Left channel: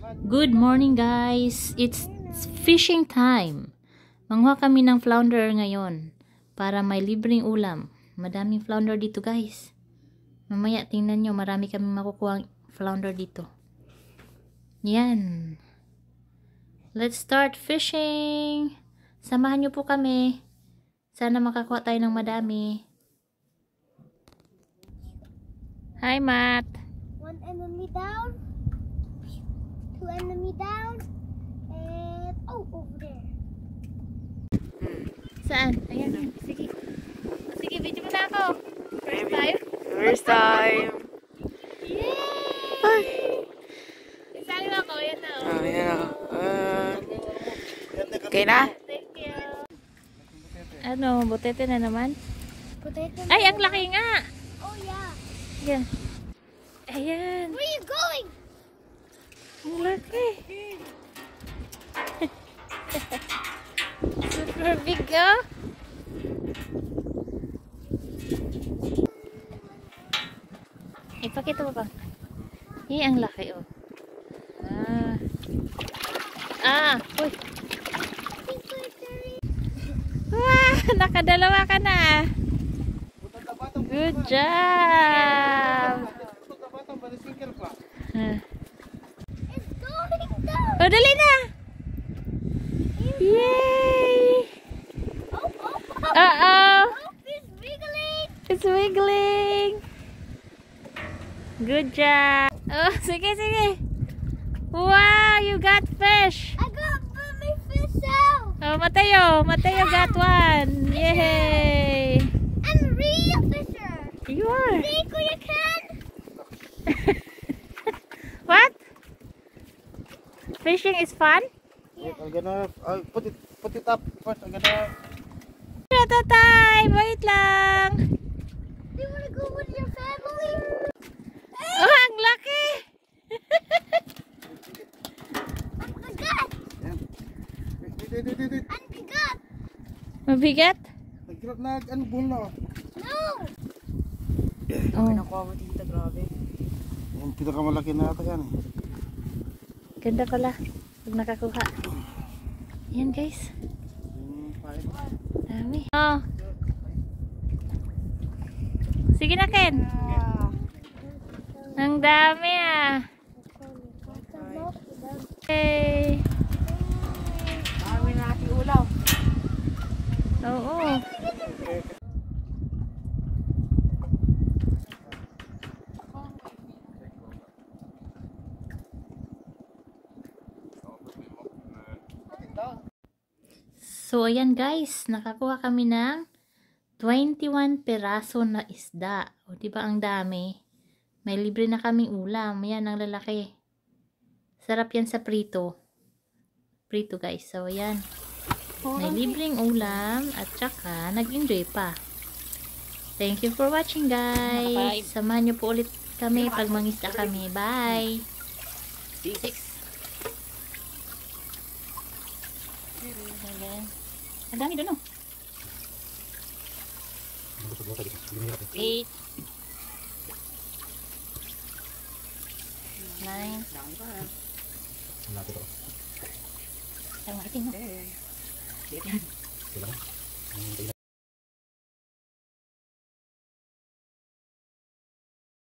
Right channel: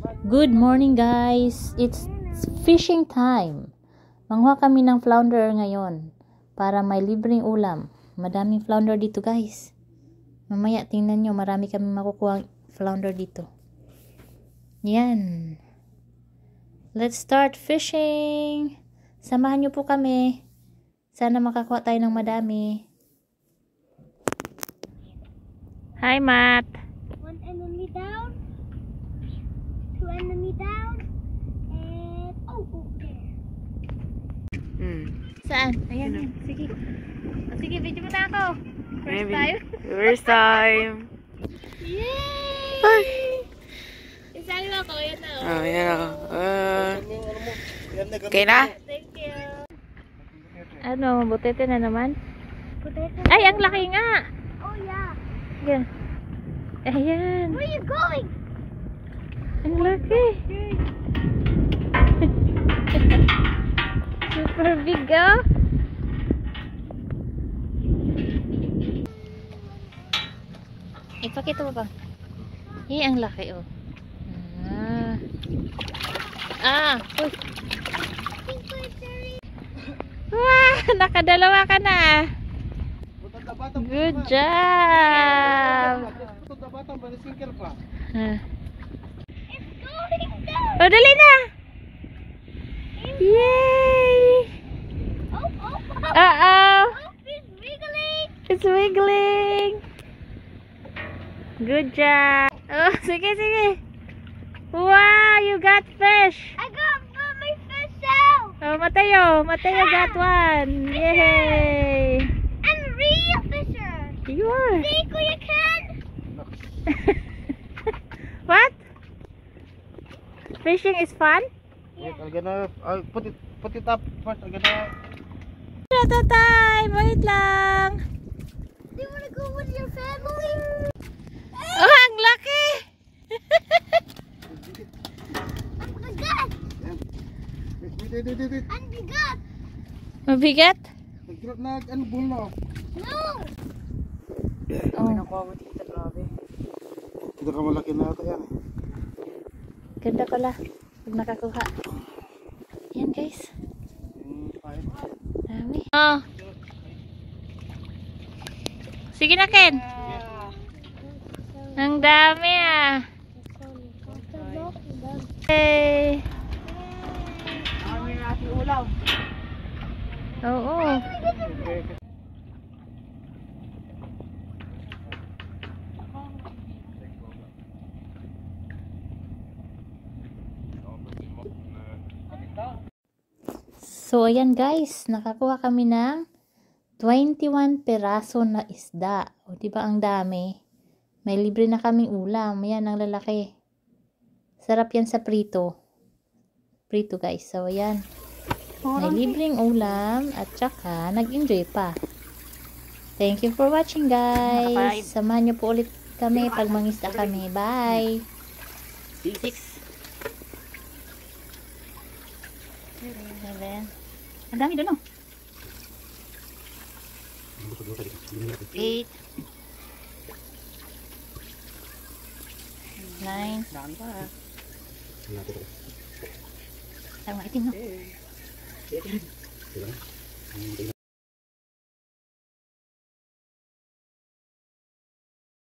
Good morning guys! It's fishing time. Manguha kami ng flounder ngayon para may libreng ulam. Madaming flounder dito guys. Mamaya tingnan nyo, marami kami makukuha flounder dito. Yan. Let's start fishing. Samahan nyo po kami. Sana makakuha tayo ng madami. Hi Matt. One enemy down. Two enemy down. And over there. Saan? Ayan. Sige. Sige, video mo na ako. First time? First time. Yay! Ay. Isali mo ako. Ayan na. Oh, yan ako. Okay na? Thank you. Ano, butete na naman? Potato. Ay, ang laki nga. Oh yeah. Ayan. Ayan. Where are you going? Ang laki. Super big ah. Ipakita mo pa. Eh, ang laki oh. Uy. Wow, nakadalawa ka na. Good job. It's going down. Oh, dali na. Yay! Uh-oh. It's wiggling. It's wiggling. Good job. Oh, sige, sige. Wow, you got fish. I got my fish out. Oh, Mateo. Mateo got one. Yay. I'm a real fisher. You are. See, Kuya Ken? What? Fishing is fun? Wait, I'm gonna put it up first. I'm gonna. Tatay, wait lang. Do you want to go with your family? Oh, ang laki. Ang bigat. Wait. Ang bigat. Mabigat? Ano bull na? No. Oh, Kita ka malaki na ito yan. ganda pala. Pag nakakuha. Yan guys. Yung pahit. Dami. Oh. Sige na Ken. Ang dami ah. Hey. Kami natin ulaw. Oo. So, ayan guys, nakakuha kami ng 21 peraso na isda. O, diba ang dami? May libre na kaming ulam. Ayan, ang lalaki. Sarap yan sa prito. Prito guys. So, ayan. May libreng ulam at saka nag-enjoy pa. Thank you for watching guys. Samahan nyo po ulit kami pag mangisda kami. Bye! 6 7 Ang dami doon, oh. 8 9 Ang maitim, no?